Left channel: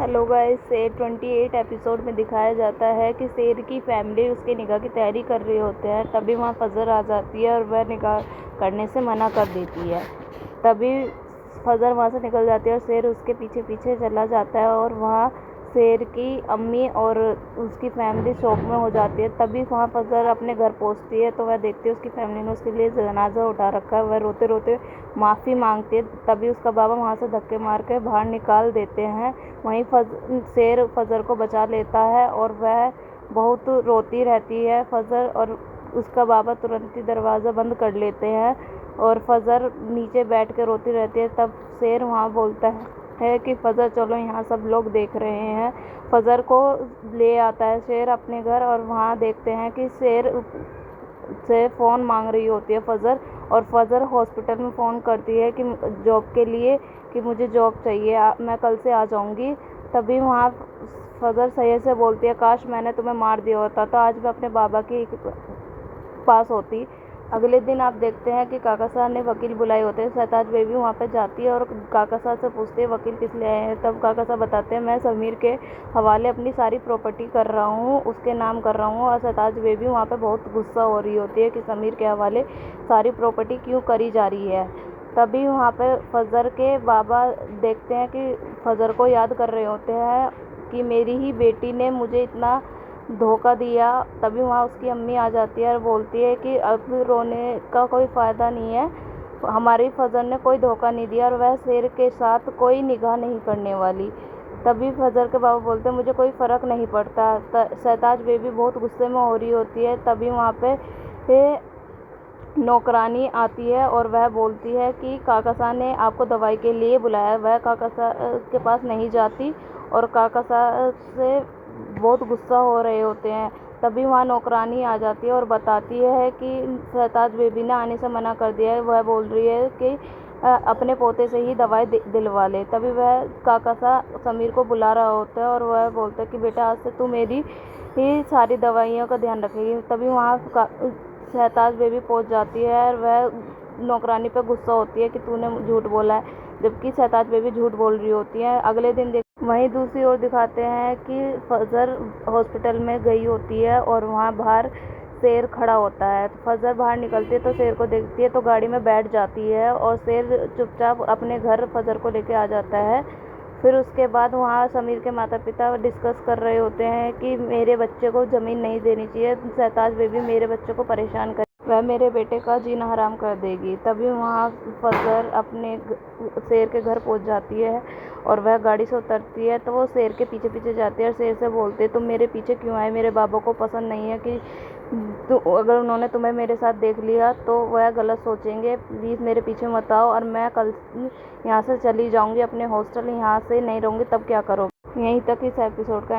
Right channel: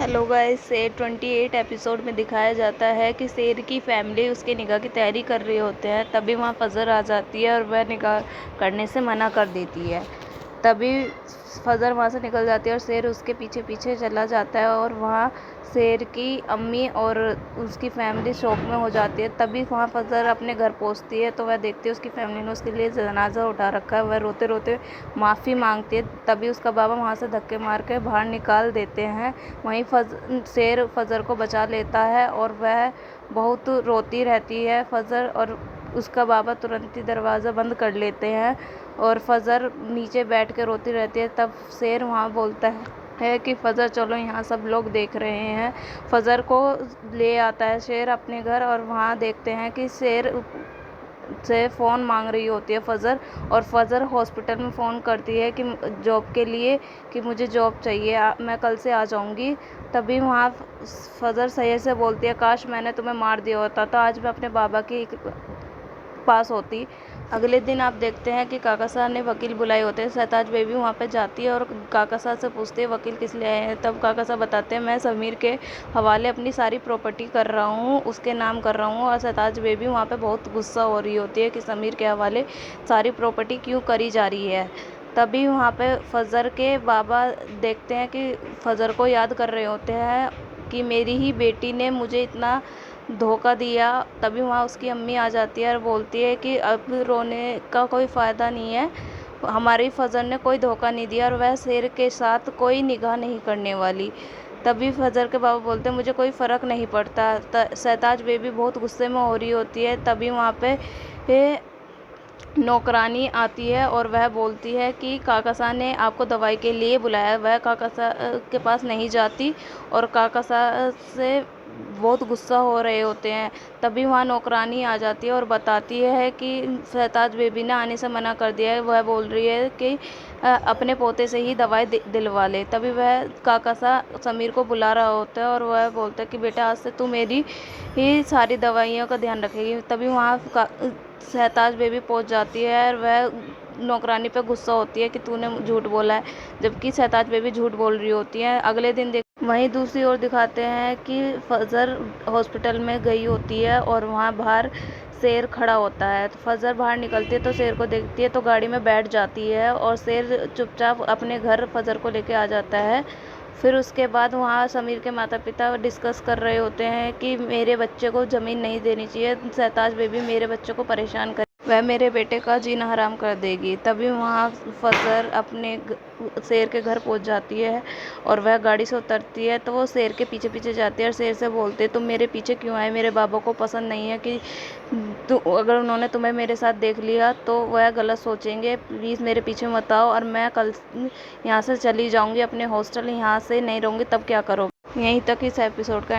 Hello guys, शेर 28 episode में दिखाया जाता है कि शेर की फैमिली उसके निकाह की तैयारी कर रहे होते हैं। तभी वहाँ फजर आ जाती है और वह निकाह करने से मना कर देती है। तभी फजर वहाँ से निकल जाती है और शेर उसके पीछे पीछे चला जाता है और वहाँ शेर की अम्मी और उसकी फैमिली शौक में हो जाती है। तभी वहाँ फजर अपने घर पहुँचती है तो वह देखती है उसकी फैमिली ने उसके लिए जनाजा उठा रखा है। वह रोते रोते माफ़ी मांगती है। तभी उसका बाबा वहाँ से धक्के मार के बाहर निकाल देते हैं। वहीं शेर फजर को बचा लेता है और वह बहुत रोती रहती है फजर, और उसका बाबा तुरंत ही दरवाज़ा बंद कर लेते हैं और फजर नीचे बैठ के रोती रहती है। तब शेर वहाँ बोलता है कि फजर चलो, यहाँ सब लोग देख रहे हैं। फजर को ले आता है शेर अपने घर और वहाँ देखते हैं कि शेर से फ़ोन मांग रही होती है फजर, और फजर हॉस्पिटल में फ़ोन करती है कि जॉब के लिए, कि मुझे जॉब चाहिए, मैं कल से आ जाऊँगी। तभी वहाँ फजर सही से बोलती है, काश मैंने तुम्हें मार दिया होता तो आज मैं अपने बाबा के पास होती। अगले दिन आप देखते हैं कि काका साहब ने वकील बुलाए होते हैं। शहताज बेबी वहाँ पे जाती है और काका साहब से पूछती है वकील किस लिए आए हैं। तब काका साहब बताते हैं, मैं समीर के हवाले अपनी सारी प्रॉपर्टी कर रहा हूँ, उसके नाम कर रहा हूँ। और शहताज बेबी वहाँ पे बहुत गुस्सा हो रही होती है कि समीर के हवाले सारी प्रॉपर्टी क्यों करी जा रही है। तभी वहाँ पे फजर के बाबा देखते हैं कि फजर को याद कर रहे होते हैं कि मेरी ही बेटी ने मुझे इतना धोखा दिया। तभी वहाँ उसकी अम्मी आ जाती है और बोलती है कि अब रोने का कोई फ़ायदा नहीं है, हमारी फजर ने कोई धोखा नहीं दिया और वह शेर के साथ कोई निगाह नहीं करने वाली। तभी फजर के बाबा बोलते हैं, मुझे कोई फ़र्क नहीं पड़ता। शहताज बेबी बहुत गुस्से में हो रही होती है। तभी वहाँ पे नौकरानी आती है और वह बोलती है कि काका साहब ने आपको दवाई के लिए बुलाया। वह काका साहब के पास नहीं जाती और काका साहब से बहुत गुस्सा हो रहे होते हैं। तभी वहाँ नौकरानी आ जाती है और बताती है कि शहताज बेबी ने आने से मना कर दिया है। वह बोल रही है कि अपने पोते से ही दवाई दिलवा ले। तभी वह काका साहब समीर को बुला रहा होता है और वह बोलता है कि बेटा, आज से तू मेरी ही सारी दवाइयों का ध्यान रखेगी। तभी वहाँ शहताज बेबी पहुँच जाती है और वह नौकरानी पे गुस्सा होती है कि तूने झूठ बोला है, जबकि शहताज बेबी झूठ बोल रही होती है। अगले दिन वहीं दूसरी ओर दिखाते हैं कि फजर हॉस्पिटल में गई होती है और वहाँ बाहर शेर खड़ा होता है। तो फजर बाहर निकलती है तो शेर को देखती है तो गाड़ी में बैठ जाती है और शेर चुपचाप अपने घर फजर को लेके आ जाता है। फिर उसके बाद वहाँ समीर के माता पिता डिस्कस कर रहे होते हैं कि मेरे बच्चे को ज़मीन नहीं देनी चाहिए, शहताज बेबी मेरे बच्चे को परेशान कर, वह मेरे बेटे का जीना हराम कर देगी। तभी वहाँ फजर अपने शेर के घर पहुँच जाती है और वह गाड़ी से उतरती है तो वो शेर के पीछे पीछे जाती है और शेर से बोलते तुम मेरे पीछे क्यों आए, मेरे बाबा को पसंद नहीं है कि अगर उन्होंने तुम्हें मेरे साथ देख लिया तो वह गलत सोचेंगे, प्लीज़ मेरे पीछे मत आओ और मैं कल यहाँ से चली जाऊँगी अपने हॉस्टल, यहाँ से नहीं रहूँगी। तब क्या करोगे। यहीं तक इस एपिसोड का